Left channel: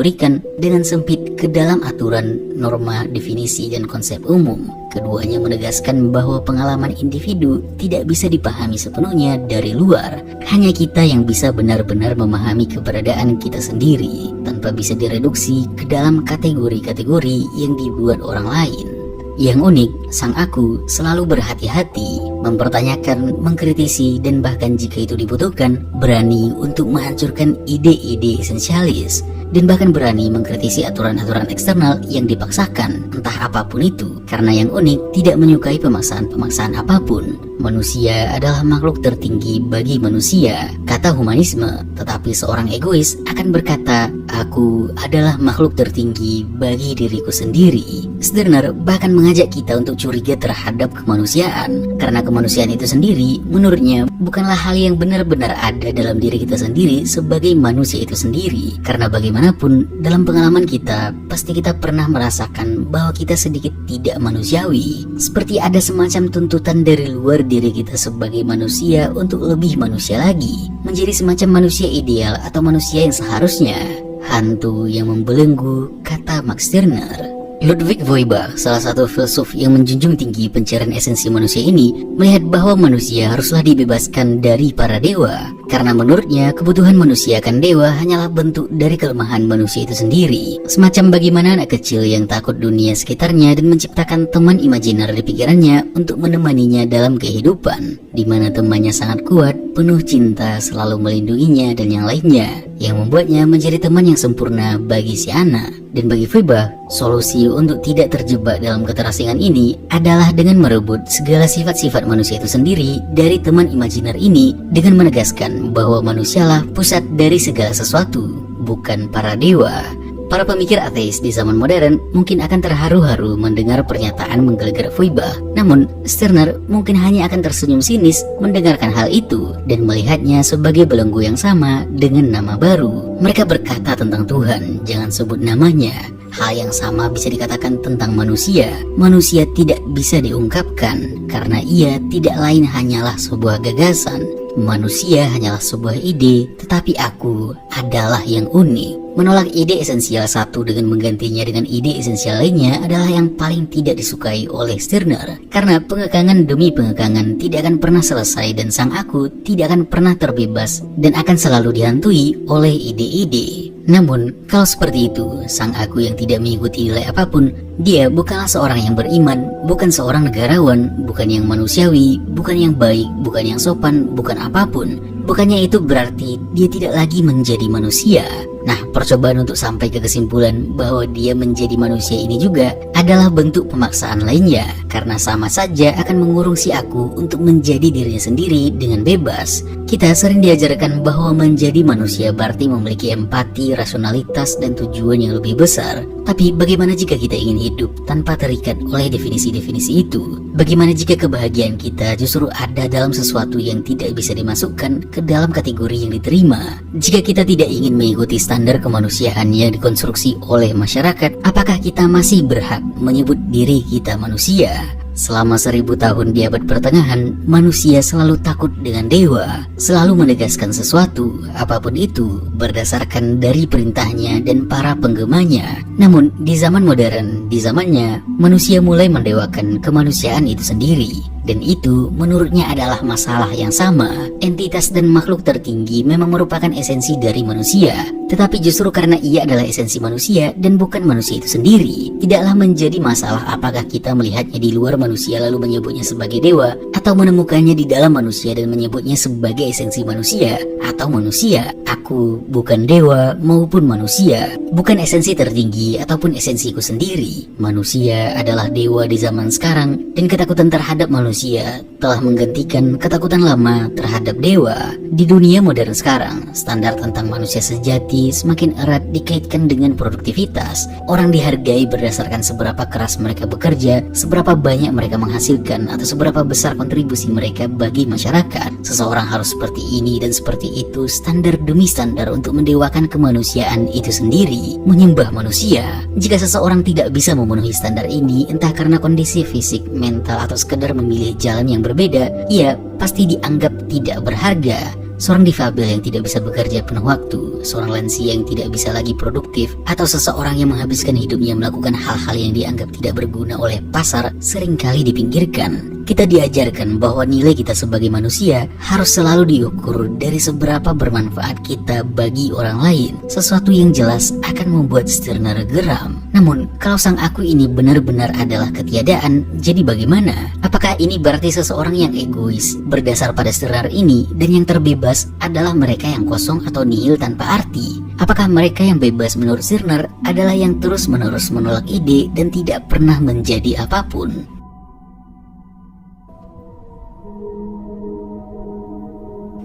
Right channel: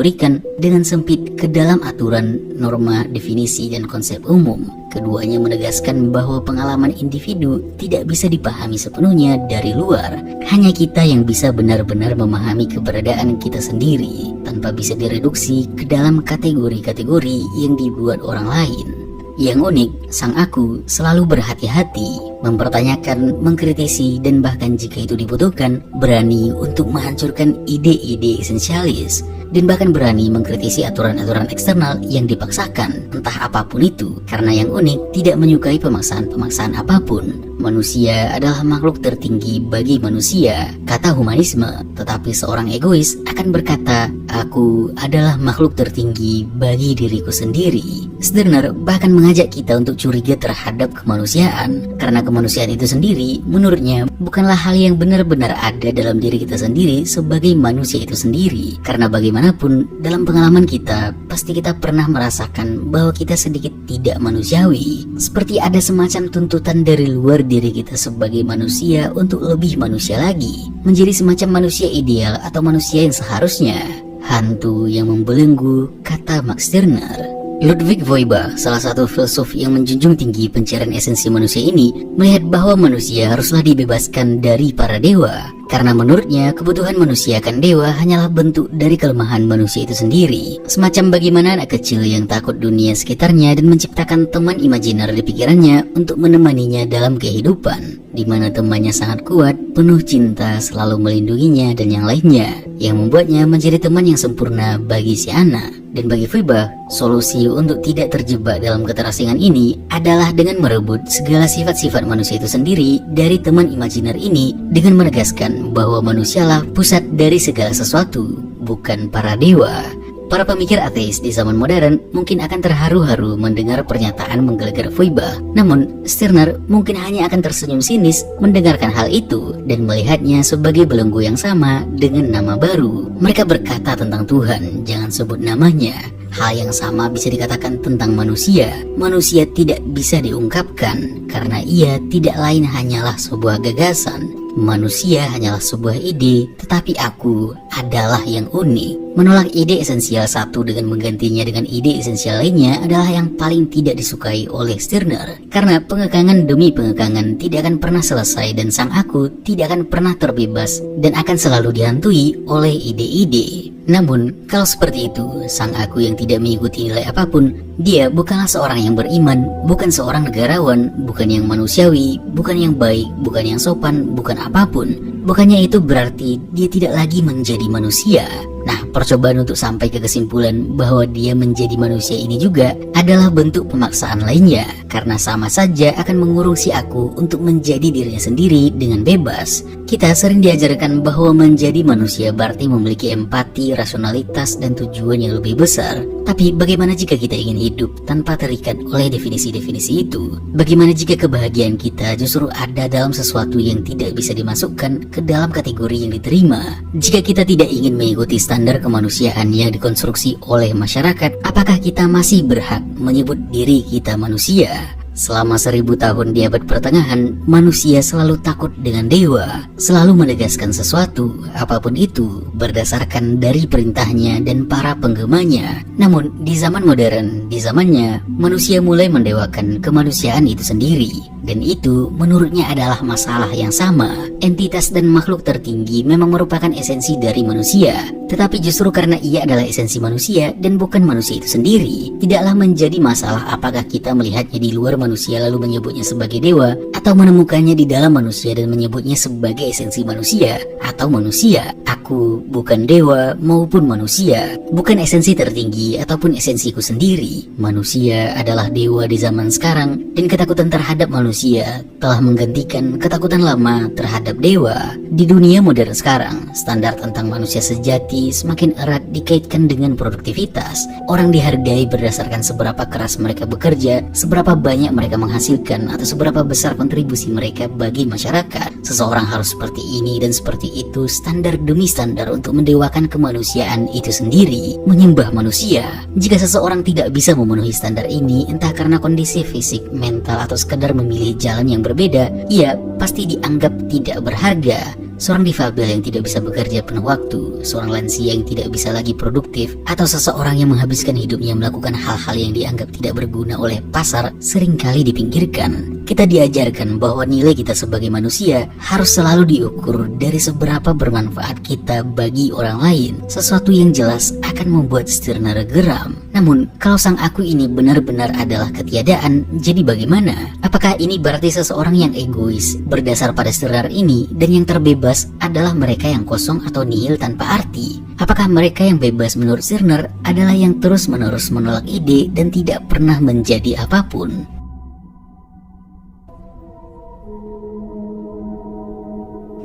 dikategorikan dengan sempit ke dalam aturan, norma, definisi, dan konsep umum. Keduanya menegaskan bahwa pengalaman individu tidak bisa dipahami sepenuhnya dari luar. Hanya kita yang bisa benar-benar memahami keberadaan kita sendiri tanpa bisa direduksi ke dalam kategori-kategori yang dibuat orang lain. Yang unik, sang aku selalu berhati-hati, mempertanyakan, mengkritisi, dan bahkan jika itu dibutuhkan, berani untuk menghancurkan ide-ide esensialis, dan bahkan berani mengkritisi aturan-aturan eksternal yang dipaksakan, entah apapun itu. Karena yang unik tidak menyukai pemaksaan-pemaksaan apapun. Manusia adalah makhluk tertinggi bagi manusia, kata humanisme. Tetapi seorang egois akan berkata, aku adalah makhluk tertinggi bagi diriku sendiri. Stirner bahkan mengajak kita untuk curiga terhadap kemanusiaan, karena kemanusiaan itu sendiri menurutnya bukanlah hal yang benar-benar ada dalam diri kita sendiri sebagai manusia itu sendiri. Karena bagaimanapun dalam pengalaman kita pasti kita pernah merasakan bahwa kita sedikit tidak manusiawi, seperti ada semacam tuntutan dari luar diri kita sebagai manusia untuk lebih manusia lagi, menjadi semacam manusia ideal atau manusia yang seharusnya. Hantu yang membelenggu, kata Max Stirner. Ludwig Feuerbach, salah satu filsuf yang menjunjung tinggi pencarian esensi manusia ini, melihat bahwa manusia haruslah dibebaskan dari para dewa. Karena menurutnya kebutuhan manusia akan dewa hanyalah bentuk dari kelemahan manusia itu sendiri. Semacam bagaimana anak kecil yang takut dunia sekitarnya dan menciptakan teman imajiner di pikirannya untuk menemaninya dalam kehidupan, di mana temannya sangat kuat, penuh cinta, selalu melindunginya dan yang lainnya, yang membuatnya menjadi teman yang sempurna bagi si anak. Dan bagi Feuerbach, solusi untuk tidak terjebak dalam keterasingan ini adalah dengan merebut segala sifat-sifat manusia itu sendiri dari teman imajiner ini, dengan menegaskan bahwa manusialah pusat dari segala sesuatu, bukan para dewa. Para pemikir ateis di zaman modern mungkin akan terharu-haru mendengar pernyataan menggelegar Feuerbach. Namun, Stirner mungkin hanya akan tersenyum sinis mendengarkan hal itu dan melihatnya sebagai belenggu yang sama dengan nama baru. Mereka berkata tentang Tuhan, jangan sebut namanya. Hal yang sama bisa dikatakan tentang manusia. Manusia tidak bisa diungkapkan karena ia tidak lain hanyalah sebuah gagasan. Manusia hanyalah sebuah ide, tetapi aku adalah yang unik. Menolak ide esensial satu dengan menggantinya dengan ide esensial lainnya adalah yang paling tidak disukai oleh Stirner. Karena pengekangan demi pengekangan tidak akan pernah selesai dan sang aku tidak akan pernah terbebas dan akan selalu dihantui oleh ide-ide. Namun, kalau seperti itu, sang aku yang tidak mengikuti nilai apapun, dia bukanlah seorang yang beriman, bukan seorang negarawan, bukan yang manusiawi, bukan yang baik, bukan yang sopan, bukan apapun. Bukannya itu berarti dia tidak lagi menjadi manusia. Nah, percobaan untuk sampai ke kesimpulan bahwa dia menjadi manusia ini juga adalah bentuk pemaksaan lainnya, karena sama saja akan mengurung si aku untuk menjadi dirinya sendiri dengan bebas. Kita sering diajarkan bahwa menjadi manusia berarti memiliki empati, rasionalitas, dan tujuan yang lebih besar. Tapi bagaimana jika kita ingin hidup tanpa terikat oleh definisi-definisi itu? Bagaimana jika kebahagiaan kita justru ada dalam sesuatu yang tidak bisa dimasukkan ke dalam kategori yang diterima? Jika kita tidak ingin mengikuti standar kemanusiaan yang dikonstruksi oleh masyarakat, apakah kita masih berhak menyebut diri kita manusia? Selama 1000 tahun di abad pertengahan, manusia selalu takut dengan dewa, selalu menegaskan sesuatu, apapun itu, berdasarkan dari perintahnya dan para penggemanya. Namun, di zaman modern, di zamannya, manusia mulai mendewakan kemanusiaan itu sendiri. Dan itu menurutnya adalah masalah yang sama. Entitas dan makhluk tertinggi memang merupakan esensi dari manusia. Tetapi justru karena ia adalah esensi manusia dan bukan manusia itu sendiri, tidaklah menjadi masalah apakah kita melihatnya di luar manusia lalu menyebutnya sebagai dewa, atau menemukannya di dalam manusia dan menyebutnya sebagai esensi manusia, atau manusia. Aku bukan dewa maupun manusia, bukan esensi tertinggi ataupun esensiku sendiri. Manusia adalah dewa di zaman sekarang, dan ketakutan terhadap manusia telah menggantikan ketakutan lama terhadap dewa. Di dunia modern sekarang, standar tentang manusia sejati semakin erat dikaitkan dengan produktivitas. Orang dihargai berdasarkan seberapa keras mereka bekerja, seberapa banyak mereka menghasilkan, atau seberapa besar kontribusi mereka bagi masyarakat. Seseorang harus seperti ini dan seperti itu, standar demi standar untuk mendewakan kemanusiaan itu sendiri, menyembah manusia. Jika seseorang tidak bisa memenuhi standar ini, entah karena kondisi fisik, mental, atau sekedar memilih jalan yang berbeda, ia pasti dianggap tidak berharga. seorang difabel yang tidak bisa bekerja penuh waktu, seorang lansia yang tidak bisa lagi produktif, atau seseorang yang menghabiskan hidupnya melakukan hal-hal yang dianggap tidak berguna oleh pasar seringkali dipinggirkan. Kita diajarkan bahwa nilai kita sebagai manusia harus selalu diukur dari seberapa bermanfaat kita bagi orang lain. Sesuatu yang jelas akan membuat Stirner geram. Namun, kalau sang aku ini benar-benar adalah ketiadaan, jadi bagaimana? Apakah ini berarti seseorang yang egois? Berdasar pada Stirner ini, dan yang terbebas adalah mereka yang kosong atau nihil tanpa arti. Apakah mereka yang bebas menurut Stirner adalah yang terus-menerus menolak ide dan tidak pernah menjadi apapun?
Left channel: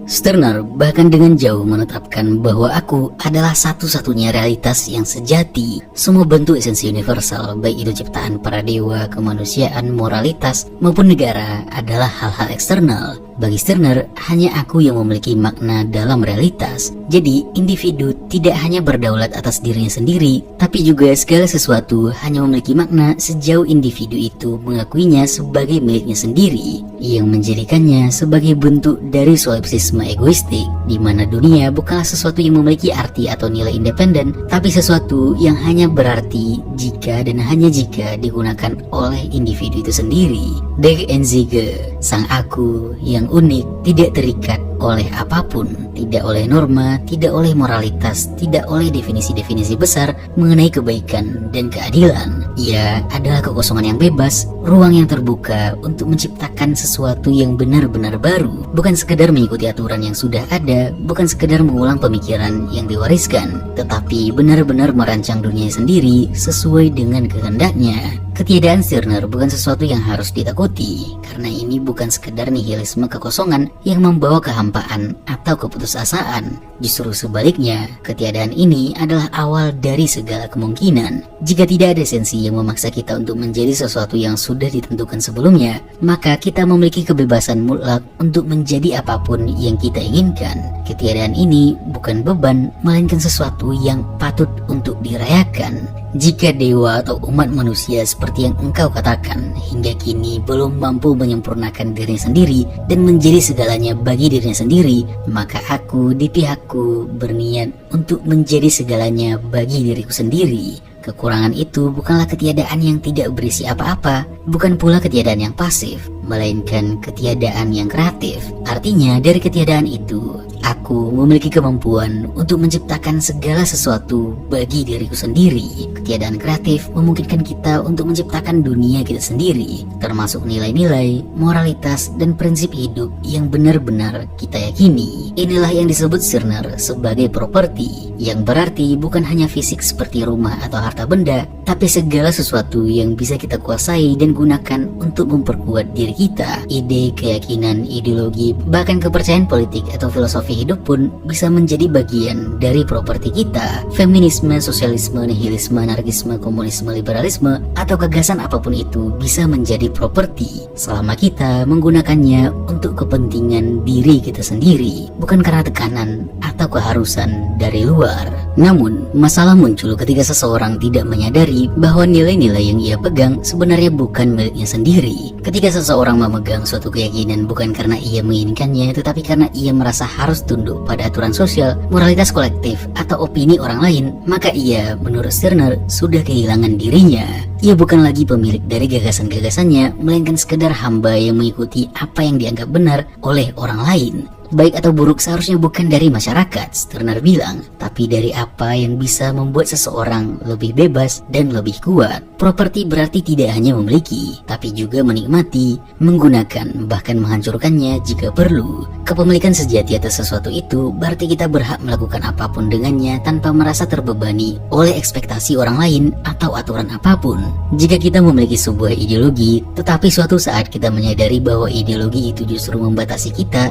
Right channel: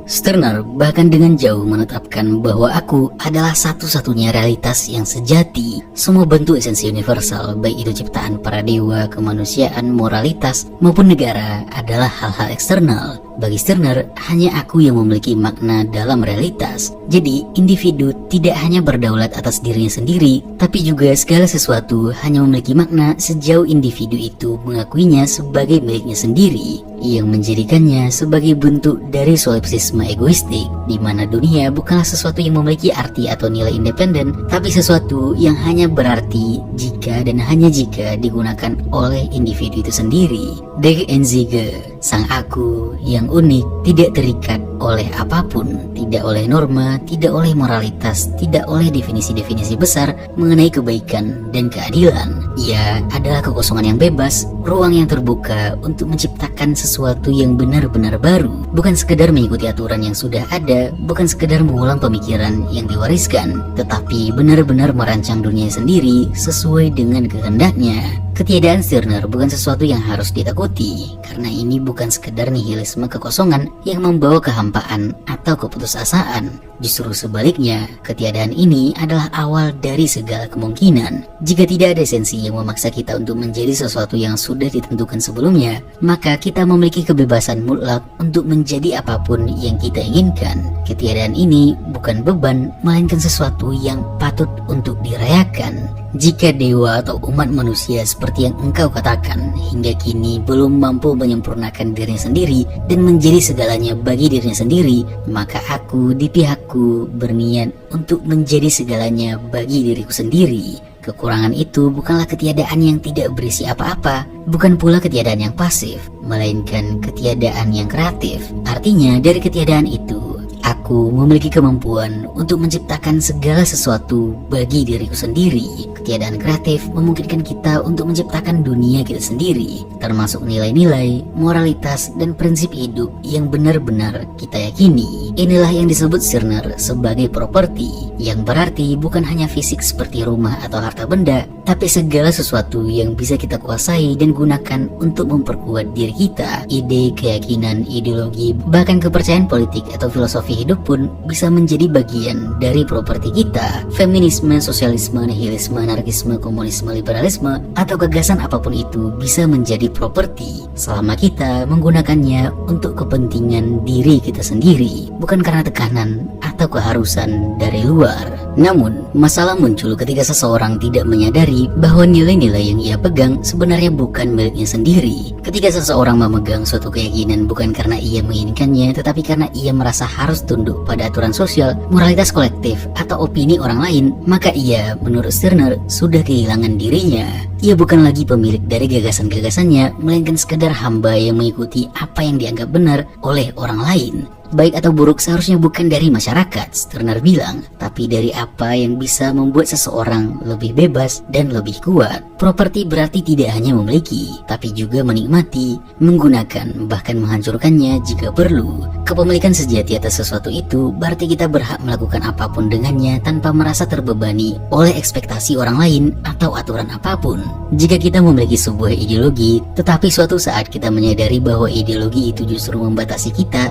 Stirner bahkan dengan jauh menetapkan bahwa aku adalah satu-satunya realitas yang sejati. Semua bentuk esensi universal, baik itu ciptaan para dewa, kemanusiaan, moralitas, maupun negara adalah hal-hal eksternal. Bagi Stirner, hanya aku yang memiliki makna dalam realitas. Jadi, individu tidak hanya berdaulat atas dirinya sendiri, tapi juga segala sesuatu hanya memiliki makna sejauh individu itu mengakuinya sebagai miliknya sendiri, yang menjadikannya sebagai bentuk dari solipsisme egoistik, di mana dunia bukanlah sesuatu yang memiliki arti atau nilai independen, tapi sesuatu yang hanya berarti jika dan hanya jika digunakan oleh individu itu sendiri. Der Einzige, sang aku yang unik, tidak terikat oleh apapun, tidak oleh norma, tidak oleh moralitas, tidak oleh definisi-definisi besar mengenai kebaikan dan keadilan. Ia adalah kekosongan yang bebas, ruang yang terbuka untuk menciptakan sesuatu yang benar-benar baru, bukan sekedar mengikuti aturan yang sudah ada, bukan sekedar mengulang pemikiran yang diwariskan, tetapi benar-benar merancang dunia sendiri sesuai dengan kehendaknya. Ketiadaan Stirner bukan sesuatu yang harus ditakuti, karena ini bukan sekedar nihilisme kekosongan yang membawa kehampaan atau keputusasaan. Justru sebaliknya, ketiadaan ini adalah awal dari segala kemungkinan. Jika tidak ada esensi yang memaksa kita untuk menjadi sesuatu yang sudah ditentukan sebelumnya, maka kita memiliki kebebasan mutlak untuk menjadi apapun yang kita inginkan. Ketiadaan ini bukan beban, melainkan sesuatu yang patut untuk dirayakan. Jika dewa atau umat manusia seperti yang engkau katakan hingga kini belum mampu menyempurnakan dirinya sendiri dan menjadi segalanya bagi dirinya sendiri, maka aku di pihakku berniat untuk menjadi segalanya bagi diriku sendiri. Kekurangan itu bukanlah ketiadaan yang tidak berisi apa-apa, bukan pula ketiadaan yang pasif, melainkan ketiadaan yang kreatif. Artinya dari ketiadaan itu, aku memiliki kemampuan untuk menciptakan segala sesuatu bagi diriku sendiri. Ketiadaan kreatif memungkinkan kita untuk menciptakan dunia kita sendiri, termasuk nilai-nilai, moralitas, dan prinsip hidup yang benar-benar kita yakini. Inilah yang disebut Stirner sebagai properti, yang berarti bukan hanya fisik seperti rumah atau harta benda, tapi segala sesuatu yang bisa kita kuasai dan gunakan untuk memperkuat diri kita. Ide, keyakinan, ideologi, bahkan kepercayaan politik atau filosofi hidup pun bisa menjadi bagian dari properti kita. Feminisme, sosialisme, nihilisme, anarkisme, komunisme, liberalisme, atau gagasan apapun itu bisa menjadi properti selama kita menggunakannya untuk kepentingan diri kita sendiri, bukan karena tekanan atau keharusan dari luar. Namun, masalah muncul ketika seseorang tidak menyadari bahwa nilai-nilai yang ia pegang sebenarnya bukan miliknya sendiri. Ketika seseorang memegang suatu keyakinan bukan karena ia menginginkannya, tetapi karena ia merasa harus tunduk pada aturan sosial, moralitas kolektif, atau opini orang lain, maka ia, menurut Stirner, sudah kehilangan dirinya. Ia bukan lagi pemilik dari gagasan-gagasannya, melainkan sekedar hamba yang mengikuti apa yang dianggap benar oleh orang lain. Baik atau buruk seharusnya bukan dari masyarakat, Stirner bilang, tapi dari apa yang bisa membuat seseorang lebih bebas dan lebih kuat. Properti berarti tidak hanya memiliki, tapi juga menikmati, menggunakan, bahkan menghancurkannya jika perlu. Kepemilikan sejati atas sesuatu itu berarti kita berhak melakukan apapun dengannya tanpa merasa terbebani oleh ekspektasi orang lain atau aturan apapun. Jika kita memiliki sebuah ideologi, tetapi suatu saat kita menyadari bahwa ideologi itu justru membatasi kita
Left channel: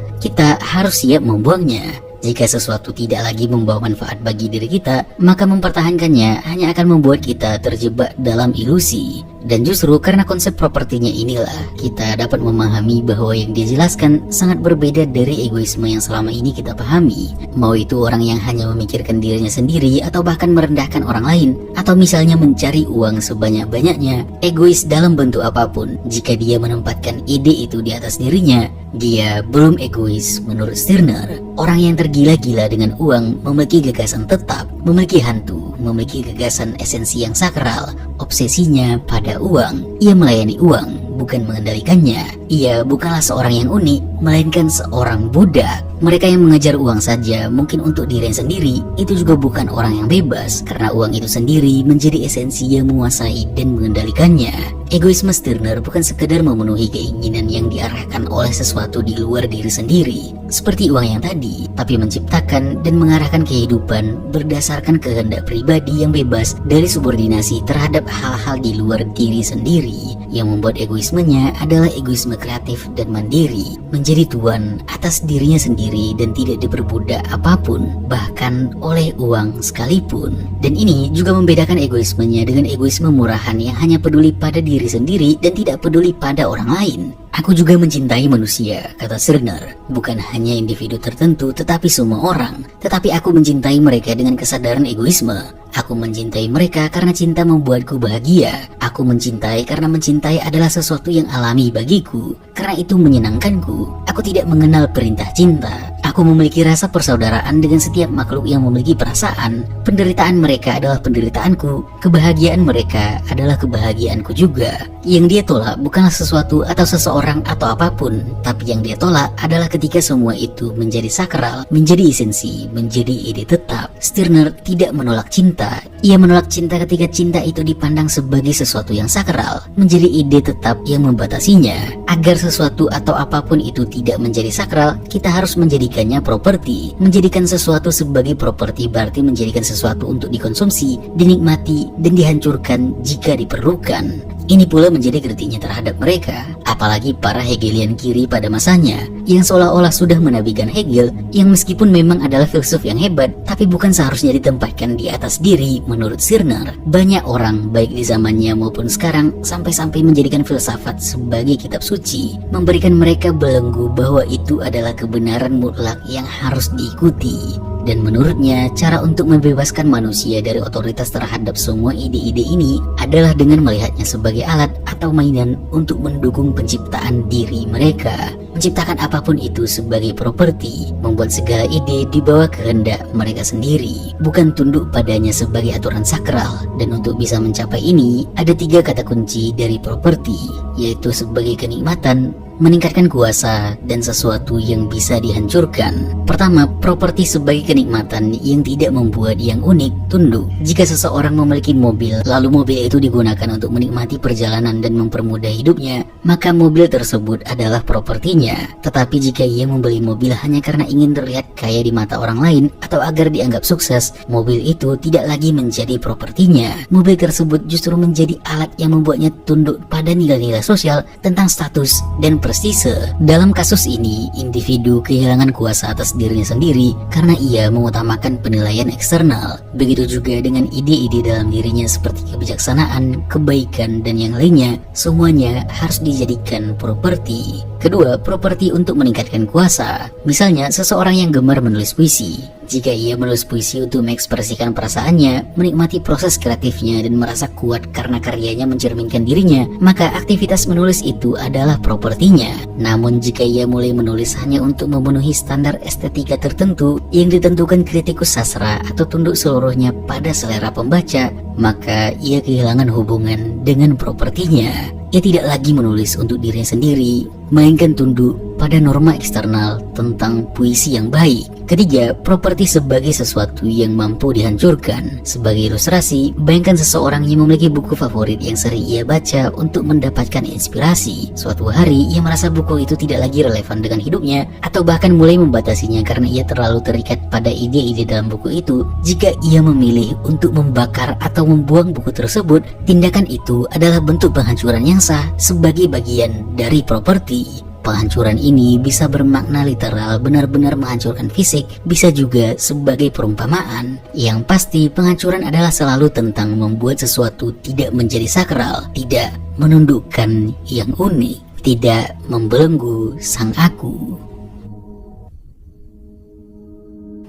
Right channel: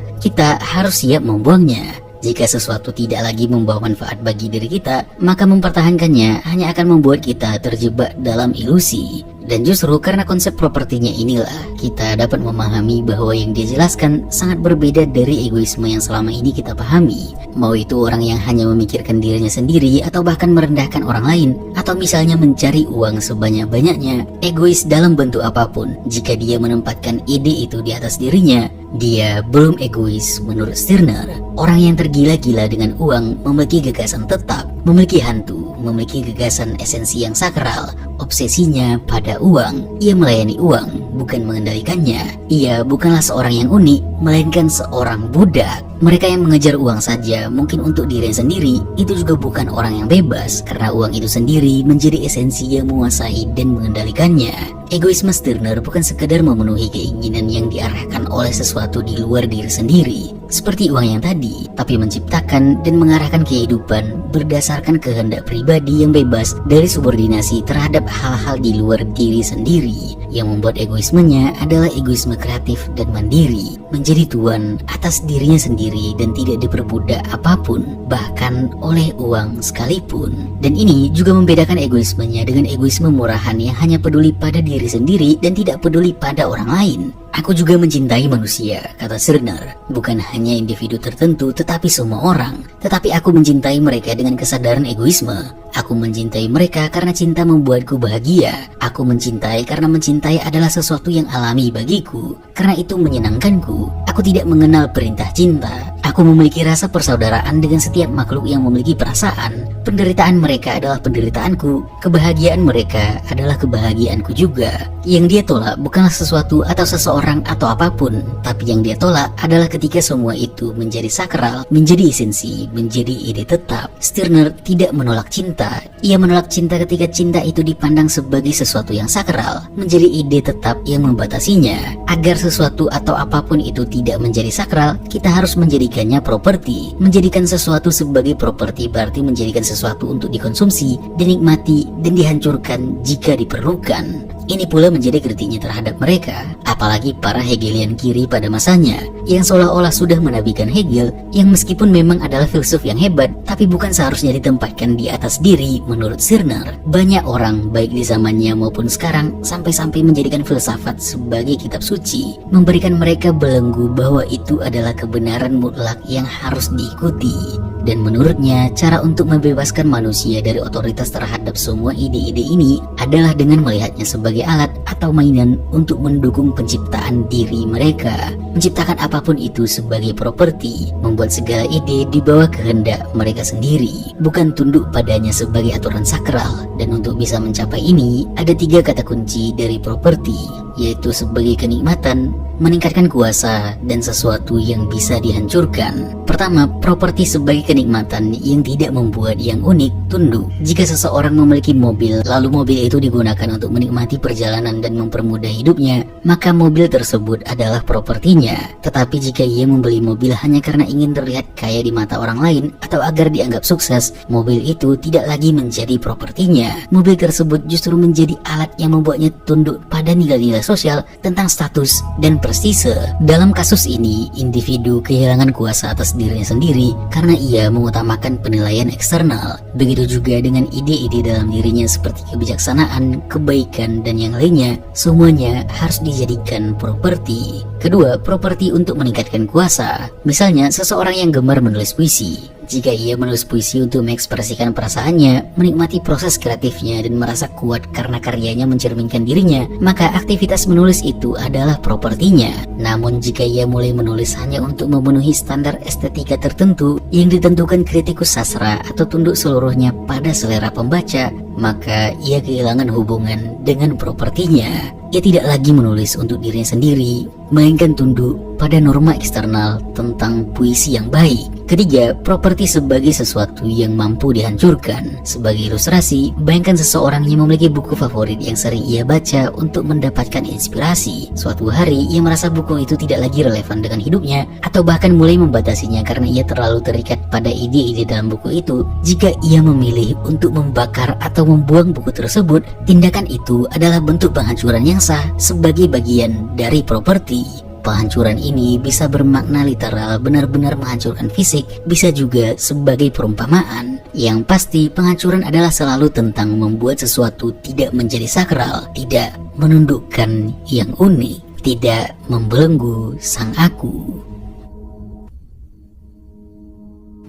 harus siap membuangnya. Jika sesuatu tidak lagi membawa manfaat bagi diri kita, maka mempertahankannya hanya akan membuat kita terjebak dalam ilusi. Dan justru karena konsep propertinya inilah, kita dapat memahami bahwa yang dia jelaskan sangat berbeda dari egoisme yang selama ini kita pahami. Mau itu orang yang hanya memikirkan dirinya sendiri atau bahkan merendahkan orang lain, atau misalnya mencari uang sebanyak-banyaknya, egois dalam bentuk apapun. Jika dia menempatkan ide itu di atas dirinya, Dia belum egois menurut Stirner. Orang yang tergila-gila dengan uang memiliki gagasan tetap, memiliki hantu, memiliki gagasan esensi yang sakral. Obsesinya pada uang. Ia melayani uang, bukan mengendalikannya. Ia bukanlah seorang yang unik, melainkan seorang budak. Mereka yang mengejar uang saja mungkin untuk diri sendiri, itu juga bukan orang yang bebas, karena uang itu sendiri menjadi esensi yang menguasai dan mengendalikannya. Egoisme Stirner bukan sekedar memenuhi keinginan yang diarahkan oleh sesuatu di luar diri sendiri, seperti uang yang tadi, tapi menciptakan dan mengarahkan kehidupan berdasarkan kehendak pribadi yang bebas dari subordinasi terhadap hal-hal di luar diri sendiri. Yang membuat egoismenya adalah egoisme kreatif dan mandiri, menjadi tuan atas dirinya sendiri dan tidak diperbudak apapun, bahkan oleh uang sekalipun. Dan ini juga membedakan egoismenya dengan egoisme murahan yang hanya peduli pada diri sendiri dan tidak peduli pada orang lain. Aku juga mencintai manusia, kata Stirner. Bukan hanya individu tertentu, tetapi semua orang. Tetapi aku mencintai mereka dengan kesadaran egoisme. Aku mencintai mereka karena cinta membuatku bahagia. Aku mencintai karena mencintai adalah sesuatu yang alami bagiku. Karena itu menyenangkanku. Aku tidak mengenal perintah cinta. Aku memiliki rasa persaudaraan dengan setiap makhluk yang memiliki perasaan. Penderitaan mereka adalah penderitaanku. Kebahagiaan mereka adalah kebahagiaanku juga. Yang dia tolak bukanlah sesuatu atau seseorang atau apapun, tapi yang dia tolak adalah ketika semua itu menjadi sakral, menjadi esensi, menjadi ide tetap. Stirner tidak menolak cinta. Ia menolak cinta ketika cinta itu dipandang sebagai sesuatu yang sakral, menjadi ide tetap yang membatasinya. Agar sesuatu atau apapun itu tidak menjadi sakral, kita harus menjadikannya properti. Menjadikan sesuatu sebagai properti berarti menjadikan sesuatu untuk dikonsumsi, dinikmati, dan dihancurkan jika diperlukan. Ini pula menjadi kritiknya terhadap mereka, apalagi para Hegelian kiri pada masanya, yang seolah-olah sudah menabikan Hegel, yang meskipun memang adalah filsuf yang hebat, tapi bukan seharusnya ditempatkan di atas diri menurut Stirner. Banyak orang, baik di zamannya maupun sekarang, sampai-sampai menjadikan filsafat sebagai kitab suci, memberikan mereka belenggu bahwa itu adalah kebenaran mutlak yang harus diikuti. Dan menurutnya, cara untuk membebaskan manusia dari otoritas terhadap semua ide-ide ini adalah dengan melihatnya sebagai alat atau mainan untuk mendukung penciptaan diri mereka. Menciptakan apapun itu sebagai properti, membuat segala ide di bawah kehendak mereka sendiri, bukan tunduk padanya sebagai aturan sakral. Dan untuk bisa mencapai ini, ada 3 kata kunci dari properti, yaitu sebagai kenikmatan, meningkatkan kuasa, dan sesuatu yang bisa dihancurkan. Pertama, properti sebagai kenikmatan yang tidak membuat yang unik tunduk. Jika seseorang memiliki mobil, lalu mobil itu digunakan untuk menikmati perjalanan dan mempermudah hidupnya, maka mobil tersebut adalah propertinya. Tetapi jika ia membeli mobil hanya karena ingin terlihat kaya di mata orang lain atau agar dianggap sukses, mobil itu tidak lagi menjadi propertinya. Mobil tersebut justru menjadi alat yang membuatnya tunduk pada nilai-nilai sosial tentang status dan prestise. Dalam kasus ini, individu kehilangan kuasa atas dirinya sendiri karena ia mengutamakan penilaian eksternal. Begitu juga dengan ide-ide dalam dirinya seperti kebijaksanaan, kebaikan, dan yang lainnya, semuanya harus dijadikan properti. Kedua, properti untuk meningkatkan kuasa. Misalnya, seseorang yang gemar menulis puisi. Jika ia menulis puisi untuk mengekspresikan perasaannya, menikmati proses kreatifnya, dan merasa kuat karena karyanya mencerminkan dirinya, maka aktivitas menulis itu adalah propertinya. Namun jika ia mulai menulis hanya untuk memenuhi standar estetika tertentu yang ditentukan kritikus sastra atau tunduk seluruhnya pada selera pembaca, maka ia kehilangan hubungan dengan propertinya. Ia tidak lagi menulis untuk dirinya sendiri, melainkan tunduk pada norma eksternal tentang puisi yang baik. Ketiga, properti sebagai sesuatu yang mampu dihancurkan. Sebagai ilustrasi, bayangkan seseorang yang memiliki buku favorit yang sering ia baca untuk mendapatkan inspirasi. Suatu hari, ia merasa buku itu tidak lagi relevan dengan hidupnya, atau bahkan mulai membatasinya karena ia terlalu terikat pada ide-ide dalam buku itu. Jika ia memilih untuk membakar atau membuang buku tersebut, tindakan itu adalah bentuk penghancuran yang sah sebagai bagian dari properti. Penghancuran ini bisa bermakna literal, benar-benar menghancurkan fisik, bisa juga sebagai perumpamaan. Yang pasti, penghancuran adalah selalu tentang membuat sesuatu tidak menjadi sakral, tidak menundukkan yang unik, tidak membelenggu sang aku.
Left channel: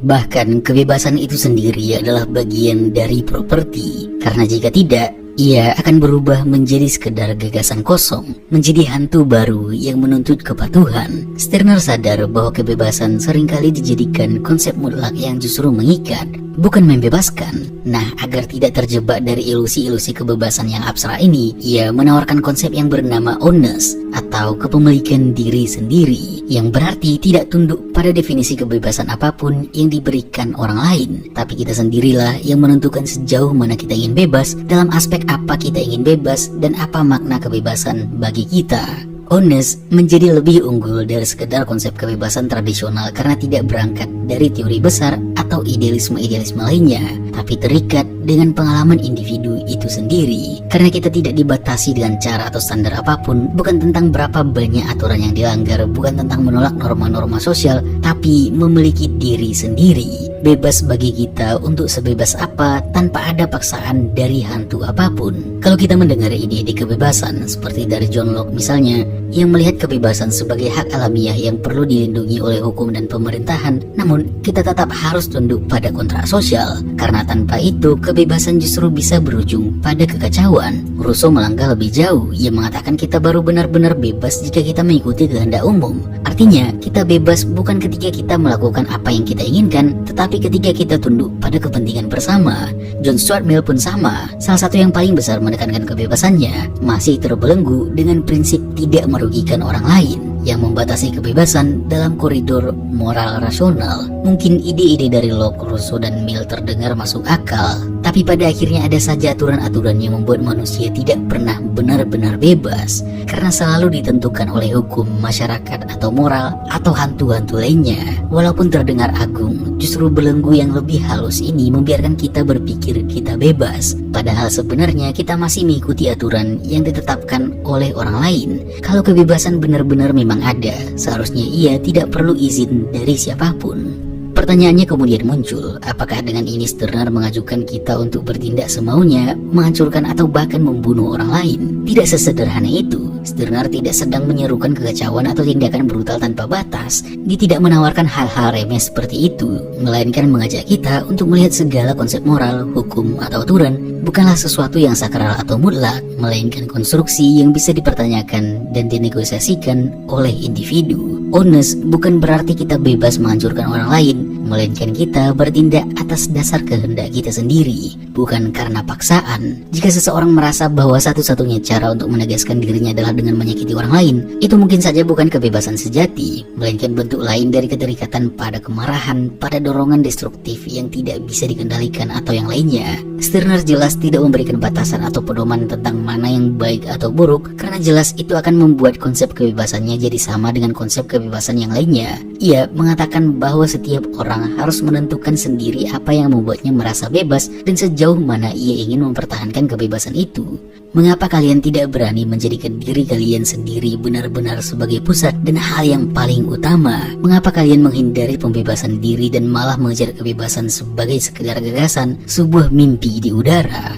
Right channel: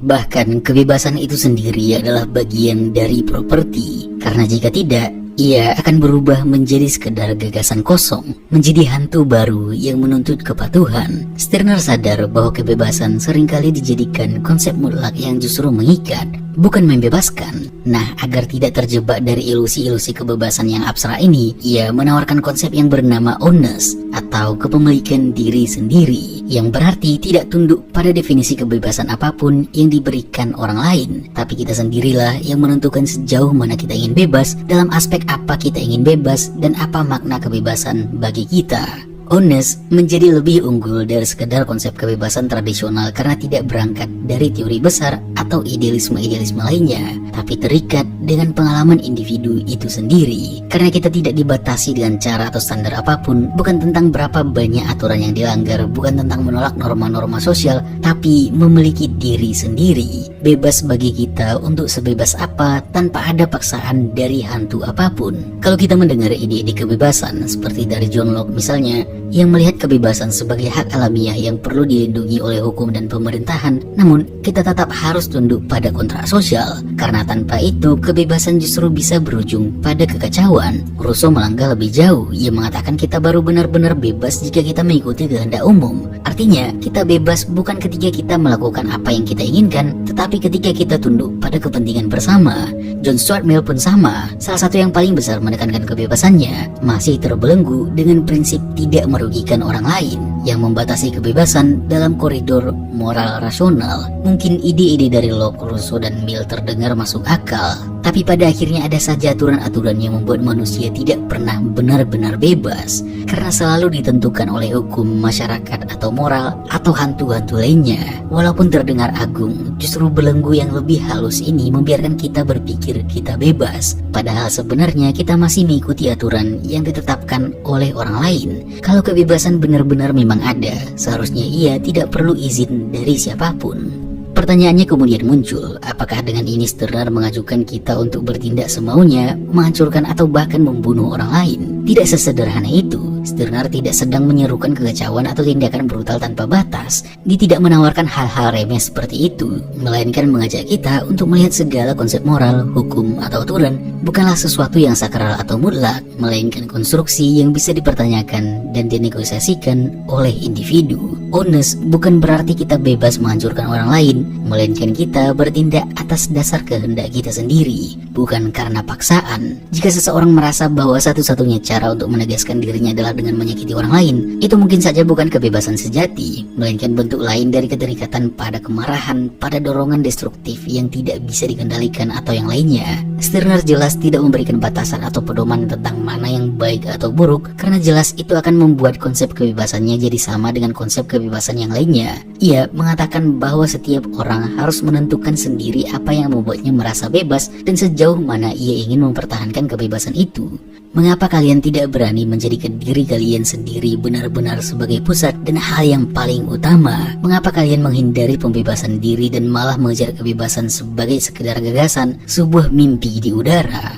Bahkan kebebasan itu sendiri adalah bagian dari properti, karena jika tidak, ia akan berubah menjadi sekedar gagasan kosong, menjadi hantu baru yang menuntut kepatuhan. Stirner sadar bahwa kebebasan seringkali dijadikan konsep mutlak yang justru mengikat, bukan membebaskan. Nah, agar tidak terjebak dari ilusi-ilusi kebebasan yang abstrak ini, ia menawarkan konsep yang bernama ownness atau kepemilikan diri sendiri, yang berarti tidak tunduk pada definisi kebebasan apapun yang diberikan orang lain, tapi kita sendirilah yang menentukan sejauh mana kita ingin bebas, dalam aspek apa kita ingin bebas, dan apa makna kebebasan bagi kita. Ownness menjadi lebih unggul dari sekedar konsep kebebasan tradisional karena tidak berangkat dari teori besar atau idealisme-idealisme lainnya, tapi terikat dengan pengalaman individu itu sendiri. Karena kita tidak dibatasi dengan cara atau standar apapun, bukan tentang berapa banyak aturan yang dilanggar, bukan tentang menolak norma-norma sosial, tapi memiliki diri sendiri. Bebas bagi kita untuk sebebas apa tanpa ada paksaan dari hantu apapun. Kalau kita mendengar ide-ide kebebasan seperti dari John Locke misalnya, yang melihat kebebasan sebagai hak alamiah yang perlu dilindungi oleh hukum dan pemerintahan, namun kita tetap harus tunduk pada kontrak sosial, karena tanpa itu kebebasan justru bisa berujung pada kekacauan. Rousseau melangkah lebih jauh, ia mengatakan kita baru benar-benar bebas jika kita mengikuti kehendak umum. Artinya, kita bebas bukan ketika kita melakukan apa yang kita inginkan, tetapi ketika kita tunduk pada kepentingan bersama. John Stuart Mill pun sama, salah satu yang paling besar menekankan kebebasannya, masih terbelenggu dengan prinsip tidak merugikan orang lain, yang membatasi kebebasan dalam koridor moral rasional. Mungkin ide-ide dari Locke, Rousseau, dan Mill terdengar masuk akal, tapi pada akhirnya ada saja aturan-aturan yang membuat manusia tidak pernah benar-benar bebas, karena selalu ditentukan oleh hukum, masyarakat, atau moral, atau hantu-hantu lainnya. Walaupun terdengar agung, justru belenggu yang lebih halus ini membiarkan kita berpikir kita bebas, padahal sebenarnya kita masih mengikuti aturan yang ditetapkan oleh orang lain. Kalau kebebasan benar-benar memang ada, seharusnya ia tidak perlu izin dari siapapun. Pertanyaannya kemudian muncul, apakah dengan ini Stirner mengajukan kita untuk bertindak semaunya, menghancurkan atau bahkan membunuh orang lain? Tidak sesederhana itu. Stirner tidak sedang menyerukan kekacauan atau tindakan brutal tanpa batas. Dia tidak menawarkan hal-hal remeh seperti itu, melainkan mengajak kita untuk melihat segala konsep moral, hukum, atau aturan bukanlah sesuatu yang sakral atau mutlak, melainkan konstruksi yang bisa dipertanyakan dan dinegosiasikan oleh individu. Ownness bukan berarti kita bebas menghancurkan orang lain, melainkan kita bertindak atas dasar kehendak kita sendiri, bukan karena paksaan. Jika seseorang merasa bahwa satu-satunya cara untuk menegaskan dirinya adalah dengan menyakiti orang lain, itu mungkin saja bukan kebebasan sejati, melainkan bentuk lain dari keterikatan pada kemarahan, pada dorongan destruktif yang tidak bisa dikendalikan atau yang lainnya. Stirner jelas tidak memberikan batasan atau pedoman tentang mana yang baik atau buruk, karena jelas itu akan membuat konsep kebebasannya jadi sama dengan konsep kebebasan yang lainnya. Ia mengatakan bahwa setiap orang harus menentukan sendiri apa yang membuatnya merasa bebas dan sejauh mana ia ingin mempertahankan kebebasan itu. Mengapa kalian tidak berani menjadikan diri kalian sendiri benar-benar sebagai pusat dan hal yang paling utama? Mengapa kalian menghindari pembebasan diri dan malah mengejar kebebasan sebagai sekedar gagasan, sebuah mimpi di udara?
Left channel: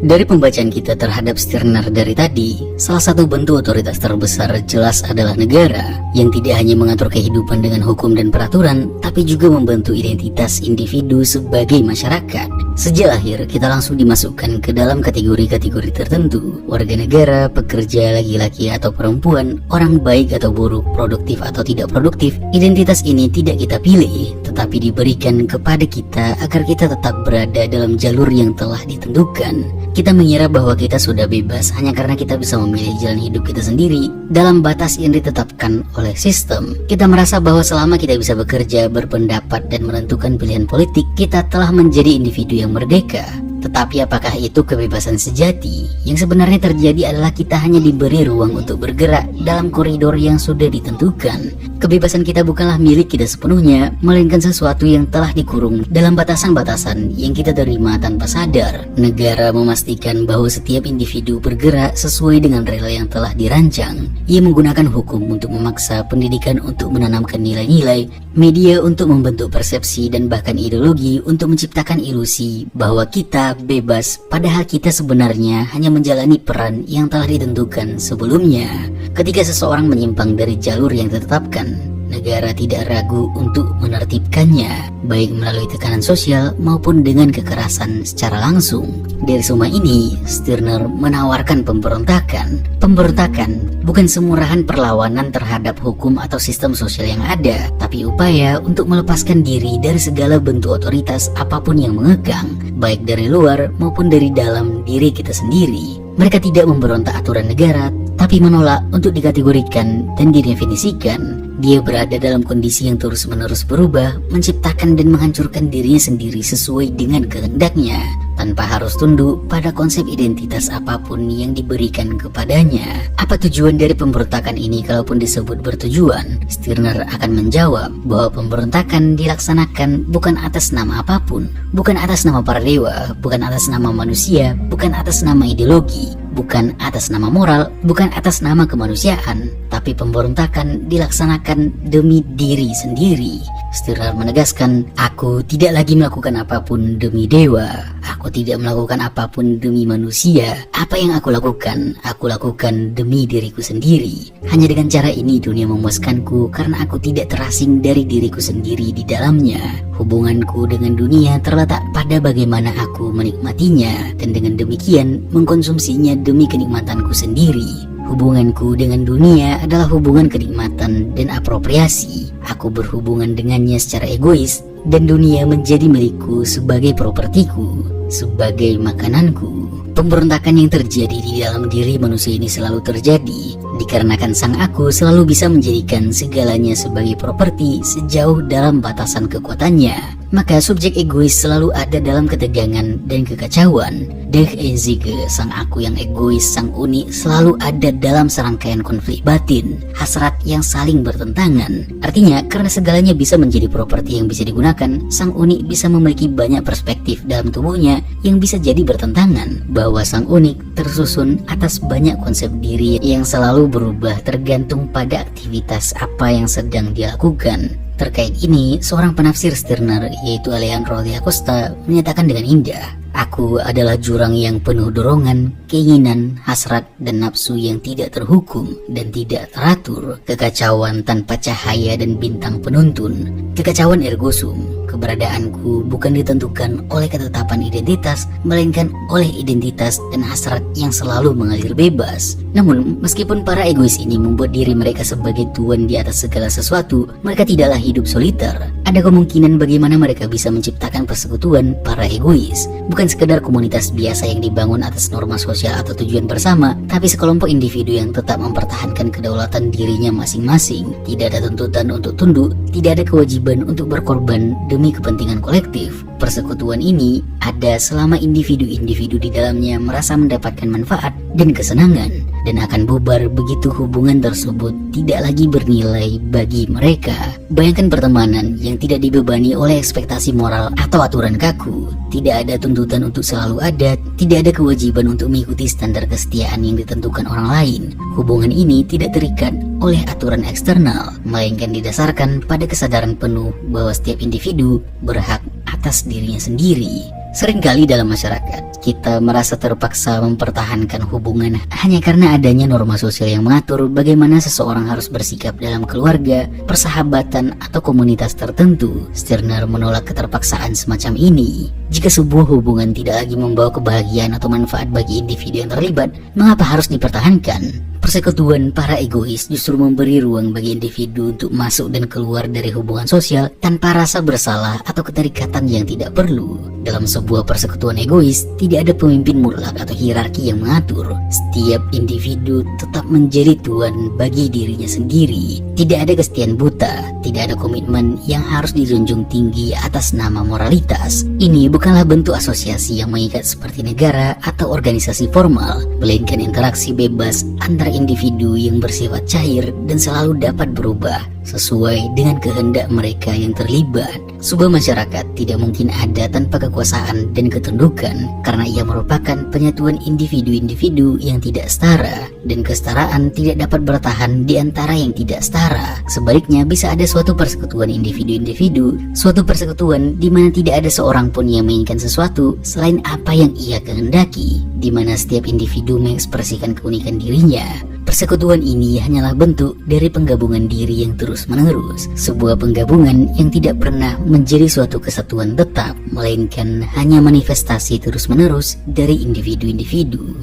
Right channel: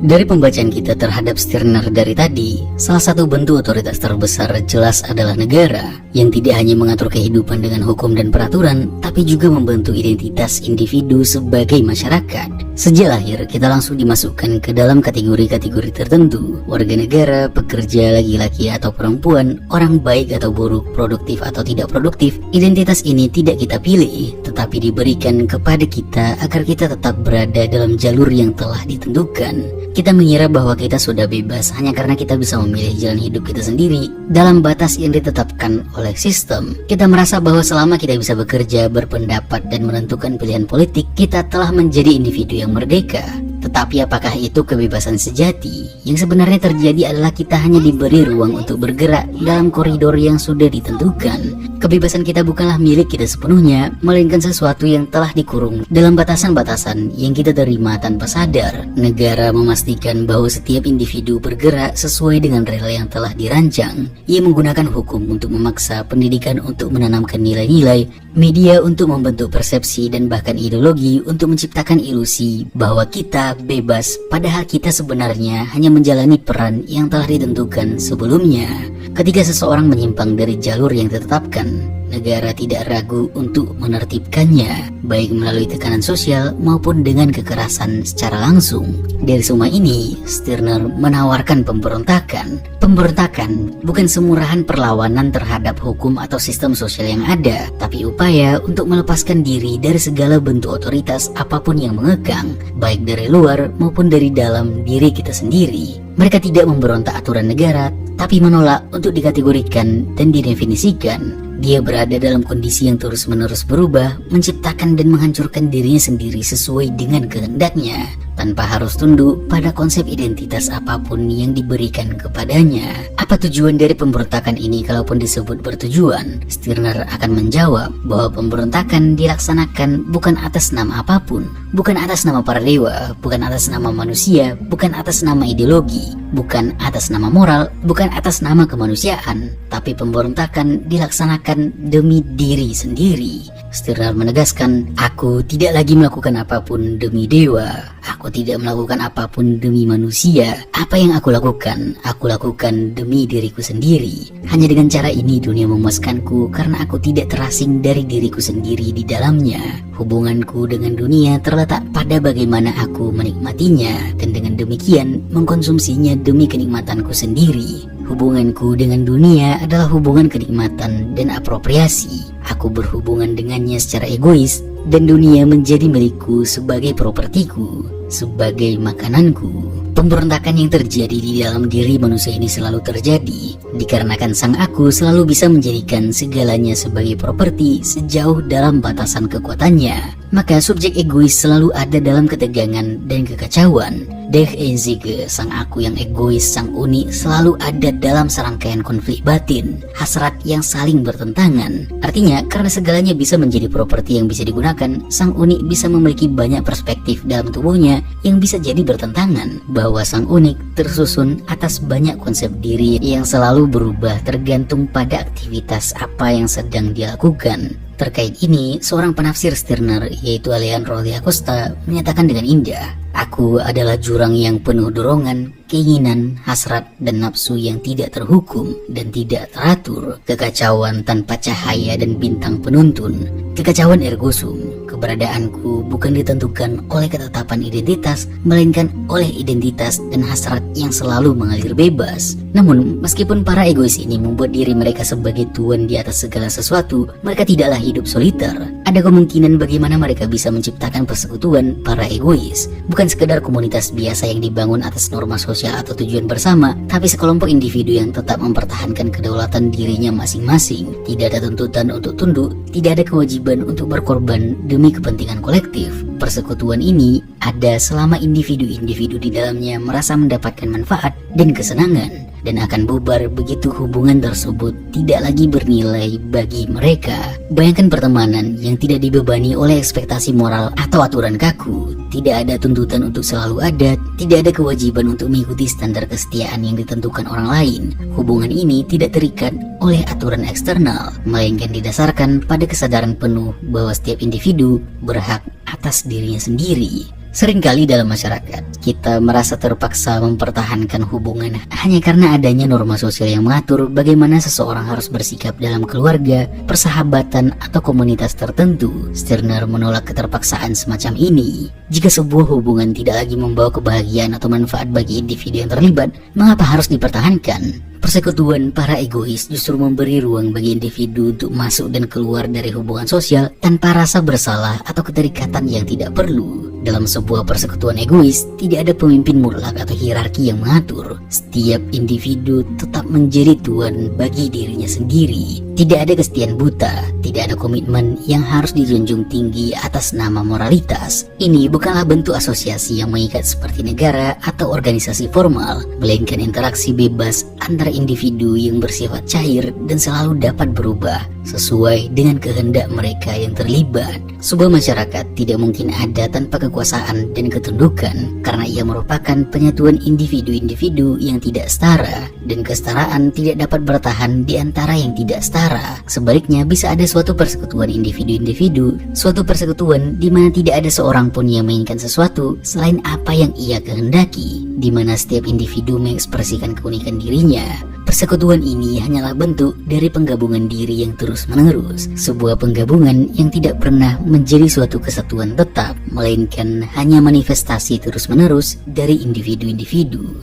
Dari pembacaan kita terhadap Stirner dari tadi, salah satu bentuk otoritas terbesar jelas adalah negara, yang tidak hanya mengatur kehidupan dengan hukum dan peraturan, tapi juga membentuk identitas individu sebagai masyarakat. Sejak lahir, kita langsung dimasukkan ke dalam kategori-kategori tertentu: warga negara, pekerja, laki-laki atau perempuan, orang baik atau buruk, produktif atau tidak produktif. Identitas ini tidak kita pilih, tetapi diberikan kepada kita agar kita tetap berada dalam jalur yang telah ditentukan. Kita mengira bahwa kita sudah bebas hanya karena kita bisa memilih jalan hidup kita sendiri dalam batas yang ditetapkan oleh sistem. Kita merasa bahwa selama kita bisa bekerja, berpendapat, dan menentukan pilihan politik, kita telah menjadi individu yang merdeka. Tetapi apakah itu kebebasan sejati? Yang sebenarnya terjadi adalah kita hanya diberi ruang untuk bergerak dalam koridor yang sudah ditentukan. Kebebasan kita bukanlah milik kita sepenuhnya, melainkan sesuatu yang telah dikurung dalam batasan-batasan yang kita terima tanpa sadar. Negara memastikan bahwa setiap individu bergerak sesuai dengan rel yang telah dirancang. Ia menggunakan hukum untuk memaksa, pendidikan untuk menanamkan nilai-nilai, media untuk membentuk persepsi, dan bahkan ideologi untuk menciptakan ilusi bahwa kita bebas, padahal kita sebenarnya hanya menjalani peran yang telah ditentukan sebelumnya. Ketika seseorang menyimpang dari jalur yang ditetapkan, negara tidak ragu untuk menertibkannya, baik melalui tekanan sosial maupun dengan kekerasan secara langsung. Dari semua ini, Stirner menawarkan pemberontakan. Pemberontakan bukan semurahan perlawanan terhadap hukum atau sistem sosial yang ada, tapi upaya untuk melepaskan diri dari segala bentuk otoritas apapun yang mengekang, baik dari luar maupun dari dalam diri kita sendiri. Mereka tidak memberontak aturan negara, tapi menolak untuk dikategorikan dan didefinisikan. Dia berada dalam kondisi yang terus-menerus berubah, menciptakan dan menghancurkan dirinya sendiri sesuai dengan kehendaknya, tanpa harus tunduk pada konsep identitas apapun yang diberikan kepadanya. Apa tujuan dari pemberontakan ini kalaupun disebut bertujuan? Stirner akan menjawab bahwa pemberontakan dilaksanakan bukan atas nama apapun, bukan atas nama para dewa, bukan atas nama manusia, bukan atas nama ideologi, bukan atas nama moral, bukan atas nama kemanusiaan, tapi pemberontakan dilaksanakan demi diri sendiri. Stirner menegaskan, aku tidak lagi melakukan apapun demi dewa, aku tidak melakukan apapun demi manusia. Apa yang aku lakukan demi diriku sendiri. Hanya dengan cara ini dunia memuaskanku karena aku tidak terasing dari diriku sendiri di dalamnya. Hubunganku dengan dunia terletak pada bagaimana aku menikmatinya, dan dengan demikian mengkonsumsinya demi kenikmatanku sendiri. Hubunganku dengan dunia adalah hubungan kenikmatan dan apropriasi. Aku berhubungan dengannya secara egois, dan dunia menjadi milikku sebagai propertiku, sebagai makananku. Pemberontakan yang terjadi di dalam diri manusia ini selalu terjadi dikarenakan sang aku selalu bisa menjadikan segalanya sebagai properti sejauh dalam batasan kekuatannya. Maka subjek egois selalu ada dalam ketegangan dan kekacauan. Der Ewige, sang aku yang egois, sang unik, selalu ada dalam serangkaian konflik batin, hasrat yang saling bertentangan. Artinya, karena segalanya bisa menjadi properti yang bisa digunakan, sang unik bisa memiliki banyak perspektif dalam tubuhnya yang bisa jadi bertentangan, bahwa sang unik tersusun atas banyak konsep diri yang selalu berubah tergantung pada aktivitas apa yang sedang dilakukan. Terkait ini, seorang penafsir Stirner, yaitu Alejandro de Acosta, menyatakan dengan indah, aku adalah jurang yang penuh dorongan, keinginan, hasrat, dan nafsu yang tidak terhukum dan tidak teratur, kekacauan tanpa cahaya dan bintang penuntun, kekacauan ergo sum. Keberadaanku bukan ditentukan oleh ketetapan identitas, melainkan oleh identitas dan hasrat yang selalu mengalir bebas. Namun, meskipun para egois ini membuat diri mereka sebagai tuan di atas segala sesuatu, mereka tidaklah hidup soliter. Ada kemungkinan bagaimana mereka bisa menciptakan persekutuan para egois, bukan sekedar komunitas biasa yang dibangun atas norma sosial atau tujuan bersama, tapi sekelompok individu yang tetap mempertahankan kedaulatan dirinya masing-masing. Tidak ada tuntutan untuk tunduk, tidak ada kewajiban untuk berkorban demi kepentingan kolektif. Persekutuan ini ada selama individu-individu di dalamnya merasa mendapatkan manfaat dan kesenangan, dan akan bubar begitu hubungan tersebut tidak lagi bernilai bagi mereka. Bayangkan pertemanan yang tidak dibebani oleh ekspektasi moral atau aturan kaku. Tidak ada tuntutan untuk selalu ada, tidak ada kewajiban untuk mengikuti standar kesetiaan yang ditentukan orang lain. Hubungan ini tidak terikat oleh aturan eksternal, melainkan didasarkan pada kesadaran penuh bahwa setiap individu berhak atas dirinya sendiri. Seringkali dalam masyarakat, kita merasa terpaksa mempertahankan hubungan hanya karena adanya norma sosial yang mengatur bagaimana seseorang harus bersikap dalam keluarga, persahabatan, atau komunitas tertentu. Stirner menolak keterpaksaan semacam ini. Jika sebuah hubungan tidak lagi membawa kebahagiaan atau manfaat bagi individu yang terlibat, mengapa harus dipertahankan? Persekutuan para egois justru memberi ruang bagi individu untuk masuk dan keluar dari hubungan sosial tanpa rasa bersalah atau keterikatan yang tidak perlu. Dalam sebuah persekutuan egois, tidak ada pemimpin mutlak atau hierarki yang mengatur. Setiap individu tetap menjadi tuan bagi dirinya sendiri. Tidak ada kesetiaan buta, tidak ada komitmen yang harus dijunjung tinggi atas nama moralitas. Ini bukanlah bentuk asosiasi yang mengikat seperti negara atau organisasi formal, melainkan interaksi bebas antar individu yang bersifat cair dan selalu dapat berubah sesuai dengan kehendak mereka yang terlibat. Sebuah masyarakat tidak mungkin ada tanpa kekuasaan dan ketundukan. karena ia merupakan penyatuan individu-individu yang tidak setara, dan kesetaraan tidak dapat bertahan di antara yang tidak setara. Sebaliknya, bisa ada suatu persekutuan individu-individu, suatu persekutuan di mana tidak ada seorang pun yang menginginkan sesuatu selain apa yang ia kehendaki, di mana setiap individu mengekspresikan keunikan dirinya. Persekutuan ini hanyalah bentuk dari penggabungan diri yang terus-menerus, sebuah penggabungan yang tidak pernah menjadi suatu kesatuan tetap, melainkan hanya manifestasi terus-menerus dari individu-individu.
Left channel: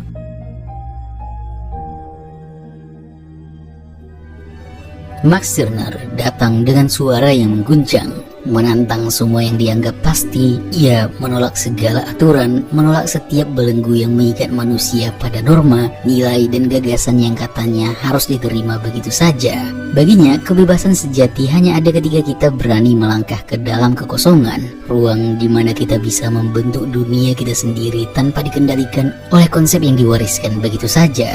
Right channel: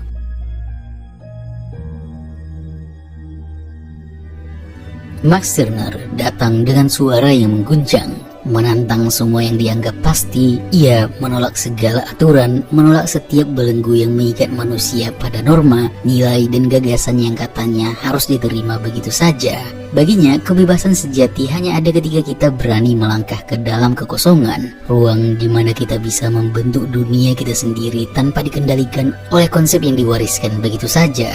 Max Stirner datang dengan suara yang mengguncang, menantang semua yang dianggap pasti. Ia menolak segala aturan, menolak setiap belenggu yang mengikat manusia pada norma, nilai, dan gagasan yang katanya harus diterima begitu saja. Baginya, kebebasan sejati hanya ada ketika kita berani melangkah ke dalam kekosongan, ruang di mana kita bisa membentuk dunia kita sendiri tanpa dikendalikan oleh konsep yang diwariskan begitu saja.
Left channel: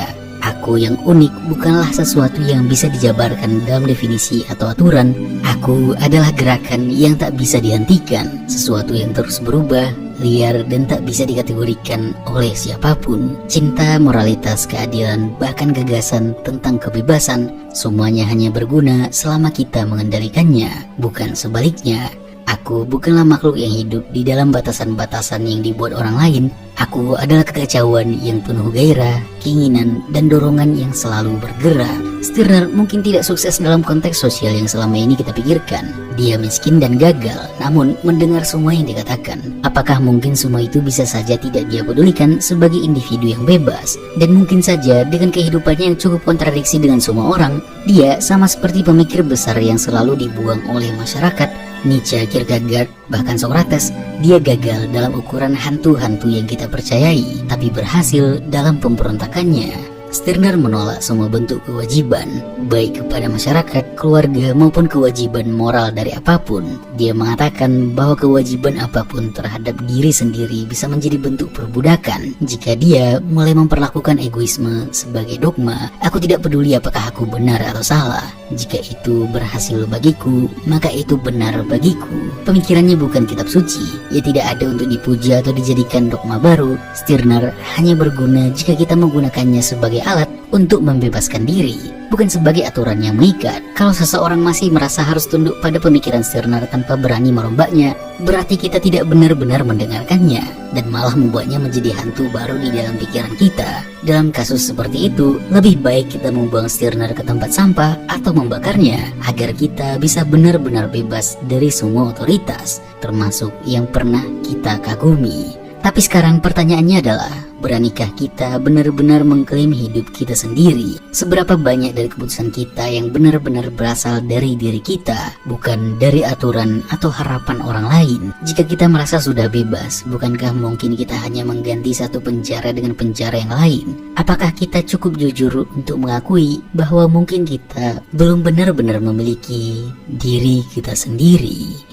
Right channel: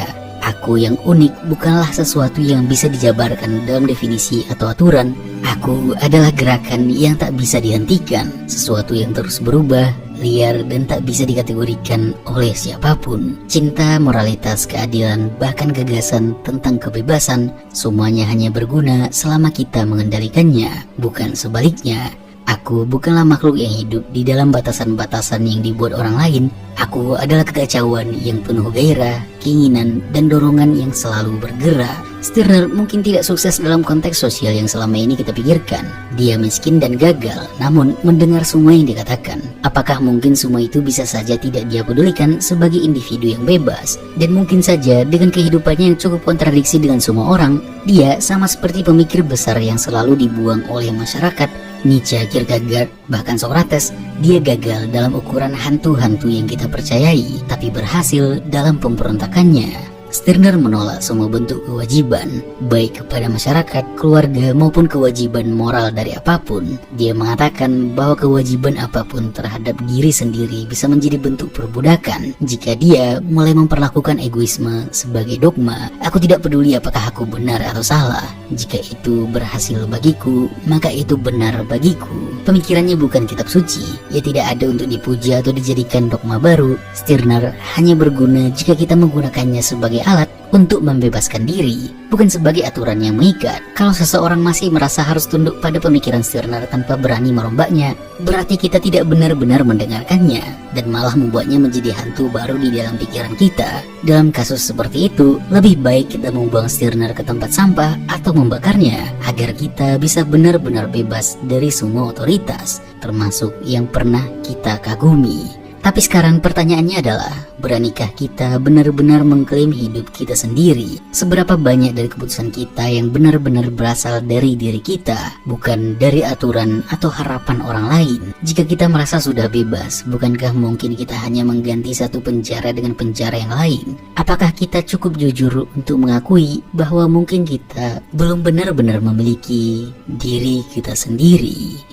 Aku yang unik bukanlah sesuatu yang bisa dijabarkan dalam definisi atau aturan. Aku adalah gerakan yang tak bisa dihentikan, sesuatu yang terus berubah, liar, dan tak bisa dikategorikan oleh siapapun. Cinta, moralitas, keadilan, bahkan gagasan tentang kebebasan, semuanya hanya berguna selama kita mengendalikannya, bukan sebaliknya. Aku bukanlah makhluk yang hidup di dalam batasan-batasan yang dibuat orang lain. Aku adalah kekacauan yang penuh gairah, keinginan, dan dorongan yang selalu bergerak. Stirner mungkin tidak sukses dalam konteks sosial yang selama ini kita pikirkan. Dia miskin dan gagal, namun mendengar semua yang dikatakan. Apakah mungkin semua itu bisa saja tidak dia pedulikan sebagai individu yang bebas? Dan mungkin saja dengan kehidupannya yang cukup kontradiksi dengan semua orang, dia sama seperti pemikir besar yang selalu dibuang oleh masyarakat, Nietzsche, Kierkegaard, bahkan Socrates. Dia gagal dalam ukuran hantu-hantu yang kita percayai, tapi berhasil dalam pemberontakannya. Stirner menolak semua bentuk kewajiban, baik kepada masyarakat, keluarga, maupun kewajiban moral dari apapun. Dia mengatakan bahwa kewajiban apapun terhadap diri sendiri bisa menjadi bentuk perbudakan. Jika dia mulai memperlakukan egoisme sebagai dogma, aku tidak peduli apakah aku benar atau salah. Jika itu berhasil bagiku, maka itu benar bagiku. Pemikirannya bukan kitab suci. Ia tidak ada untuk dipuja atau dijadikan dogma baru. Stirner hanya berguna jika kita menggunakannya sebagai alat untuk membebaskan diri, bukan sebagai aturan yang mengikat. Kalau seseorang masih merasa harus tunduk pada pemikiran Stirner tanpa berani merombaknya, berarti kita tidak benar-benar mendengarkannya dan malah membuatnya menjadi hantu baru di dalam pikiran kita. Dalam kasus seperti itu, lebih baik kita membuang Stirner ke tempat sampah atau membakarnya agar kita bisa benar-benar bebas dari semua otoritas, termasuk yang pernah kita kagumi. Tapi sekarang pertanyaannya adalah, beranikah kita benar-benar mengklaim hidup kita sendiri? Seberapa banyak dari keputusan kita yang benar-benar berasal dari diri kita, bukan dari aturan atau harapan orang lain? Jika kita merasa sudah bebas, bukankah mungkin kita hanya mengganti satu penjara dengan penjara yang lain? Apakah kita cukup jujur untuk mengakui bahwa mungkin kita belum benar-benar memiliki diri kita sendiri?